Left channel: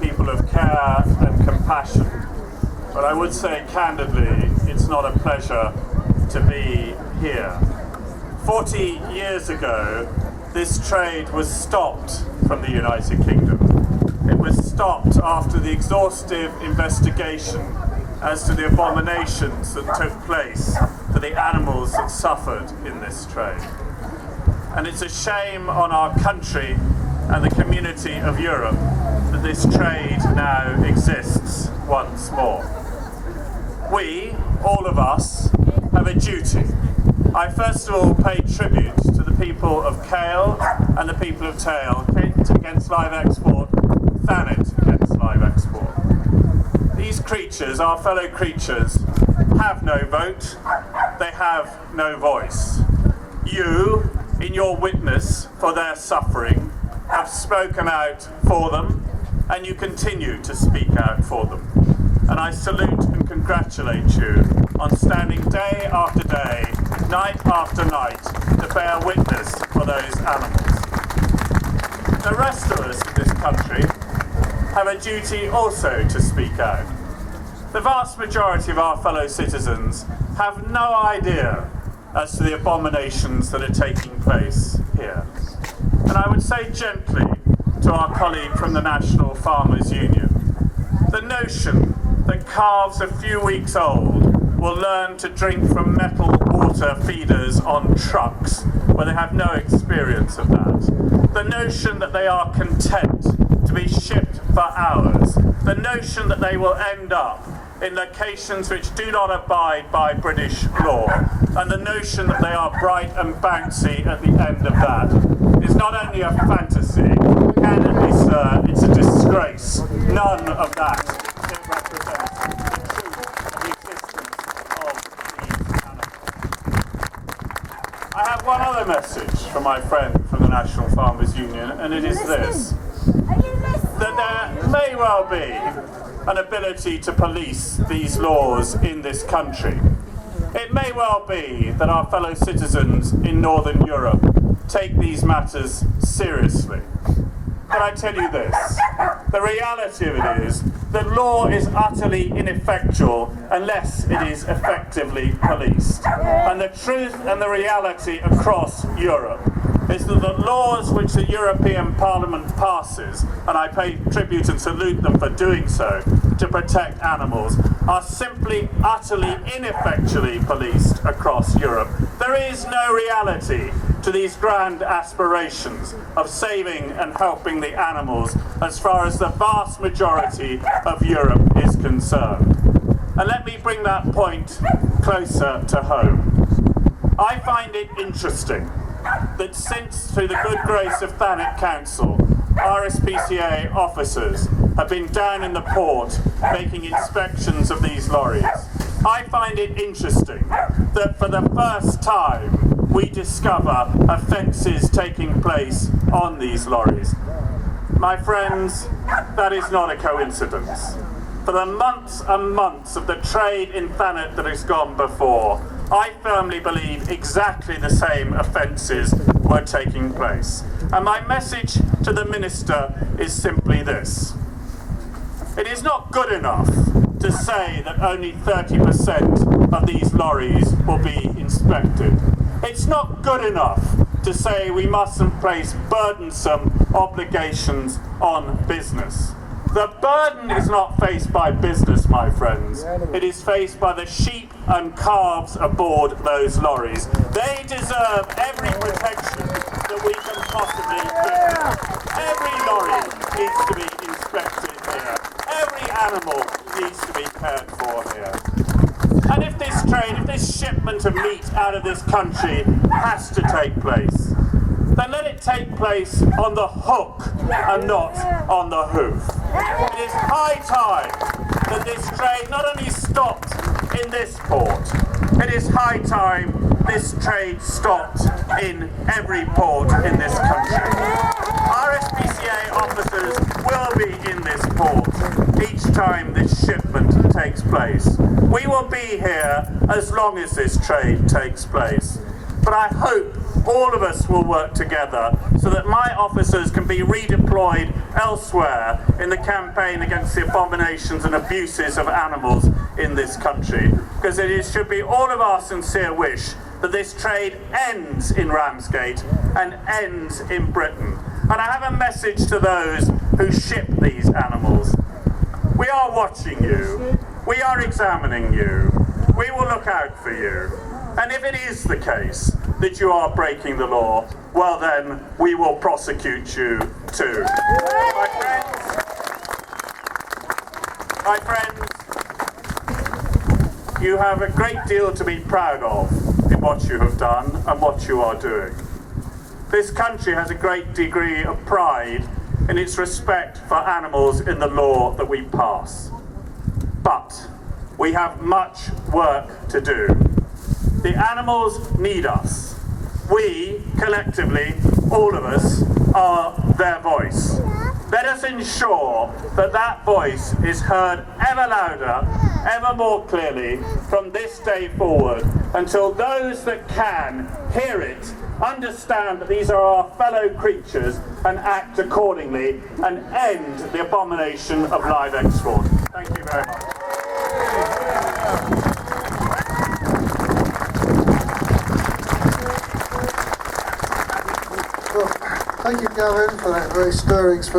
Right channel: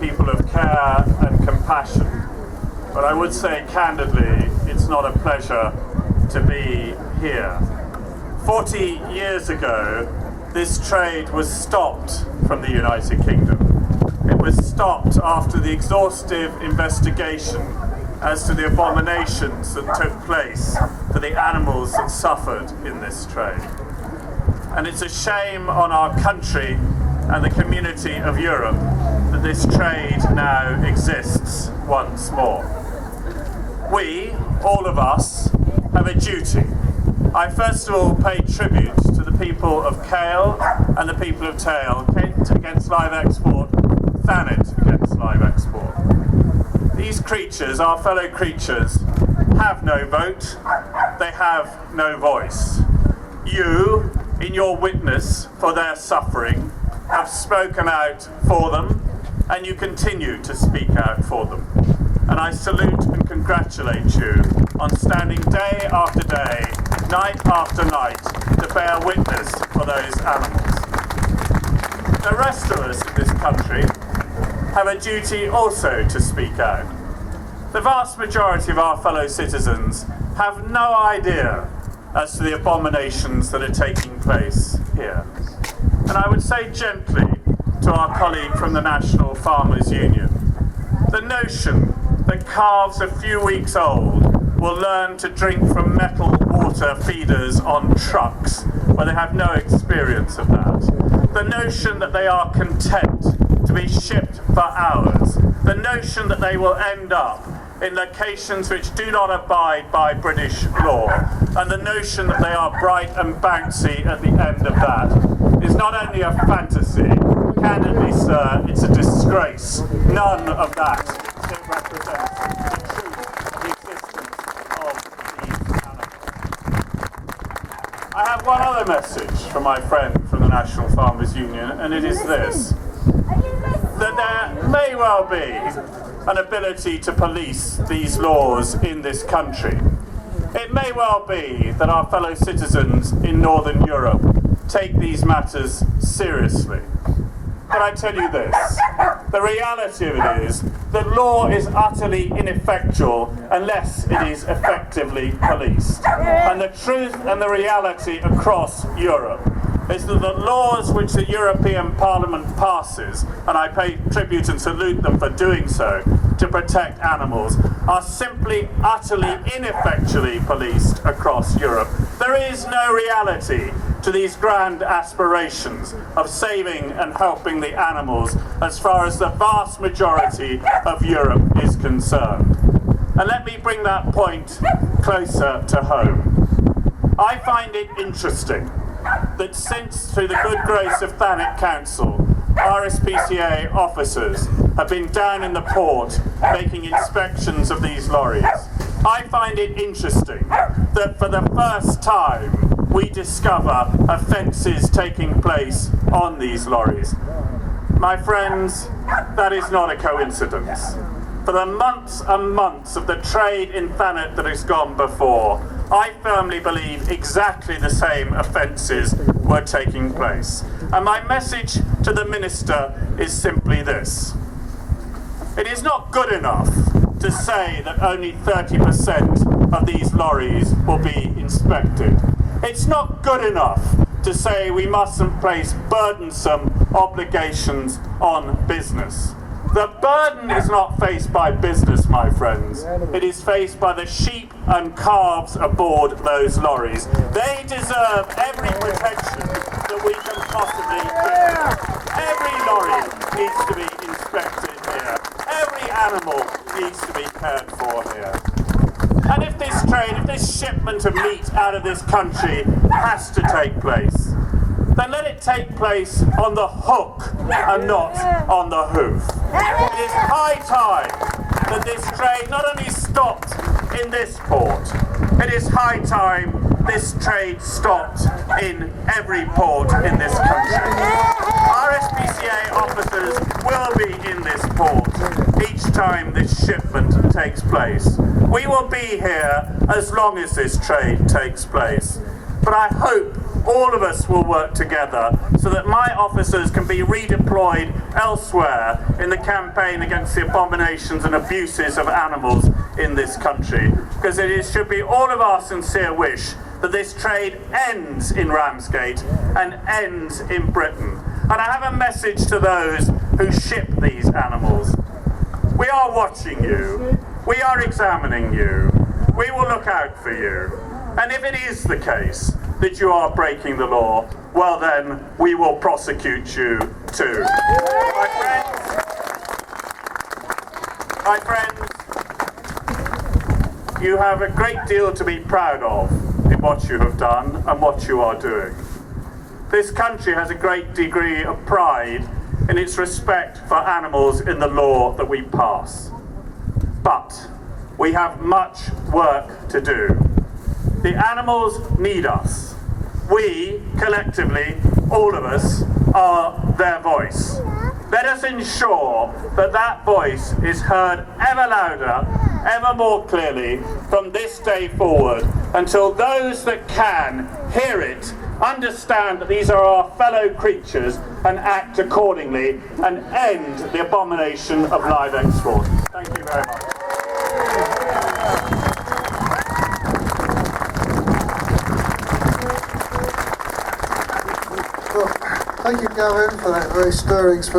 people of care and compassion, but I would say candidly, it's not a pleasure to be here. 40 years ago, this trade was stopped from the United Kingdom. It was stopped after the exhaustive investigation as to the abominations that took place for the animals that suffered in this trade. And it's a shame on our country and the community of Europe that this trade now exists once more. We, all of us, have a duty. I first of all pay tribute to the people of Kale and the people of Tail, Kate against live export, Thanet against live export. These creatures, our fellow creatures, have no vote, they have no voice. You, in your witness for their suffering, have spoken out for them, and you continue to speak out for them. And I salute and congratulate you on standing day after day, night after night, to bear witness for those animals. The rest of us in this country have a duty also to speak out. The vast majority of our fellow citizens have no idea as to the abominations that are taking place here. And I would say gently to our colleague from the National Farmers Union, the notion that calves a few weeks old will learn to drink from metal water feeders on trucks where they have no experience of that. The notion that they are content to be shipped for hours. The notion that they will end up in locations which do not abide by British law. And the notion that they are bright and bouncy at the end of that is not only a fantasy, candidly, sir, it's a disgrace. None of that represents the truth of the existence of these animals. I have one other message from my friend from the National Farmers Union, and it is this: that there may well be an ability to police these laws in this country. It may well be that our fellow citizens in Northern Europe take these matters seriously. But I tell you this, the reality of it is that law is utterly ineffectual unless it is effectively policed. And the truth and the reality across Europe is that the laws which the European Parliament passes, and I pay tribute and salute them for doing so, to protect animals, are simply utterly ineffectually policed across Europe. There is no reality to these grand aspirations of saving and helping the animals as far as the vast majority of Europe is concerned. And let me bring that point closer to home. I find it interesting that since, through the good grace of Thanet Council, RSPCA officers have been down in the port making inspections of these lorries, I find it interesting that for the first time we discover offences taking place on these lorries. My friends, that is not a coincidence. For the months and months of the trade in Thanet that has gone before, I firmly believe exactly the same offences were taking place. And my message to the Minister is simply this: it is not good enough to say that only 30% of these lorries will be inspected. It's not good enough to say we mustn't place burdensome obligations on business. The burden is not faced by business, my friends. It is faced by the sheep and calves aboard those lorries. They deserve every protection that we can possibly give them. Every lorry needs to be inspected here. Every animal needs to be cared for here. And if this trade, if this shipment of meat out of this country has to take place, then let it take place on the hook and not on the hoof. It is high time that this trade not only stopped in this port, it is high time this trade stopped in every port in this country. RSPCA officers will be in this port each time this shipment takes place. We will be here as long as this trade takes place. But I hope all of us will work together so that my officers can be redeployed elsewhere in the campaign against the abominations and abuses of animals in this country. Because it should be all of our sincere wish that this trade ends in Ramsgate and ends in Britain. And I have a message to those who ship these animals. We are watching you. We are examining you. We will look out for you. And if it is the case that you are breaking the law, well then, we will prosecute you too. My friends, you have a great deal to be proud of in what you have done and what you are doing. This country has a great degree of pride in its respect for animals in the law that we pass. But we have much work to do. The animals need us. We, collectively, all of us, are their voice. Let us ensure that that voice is heard ever louder, ever more clearly from this day forward, until those that can hear it understand that these are our fellow creatures and act accordingly and end the abomination of live export. Thank you very much. Well, thank you, Gavin, for that very stirring speech.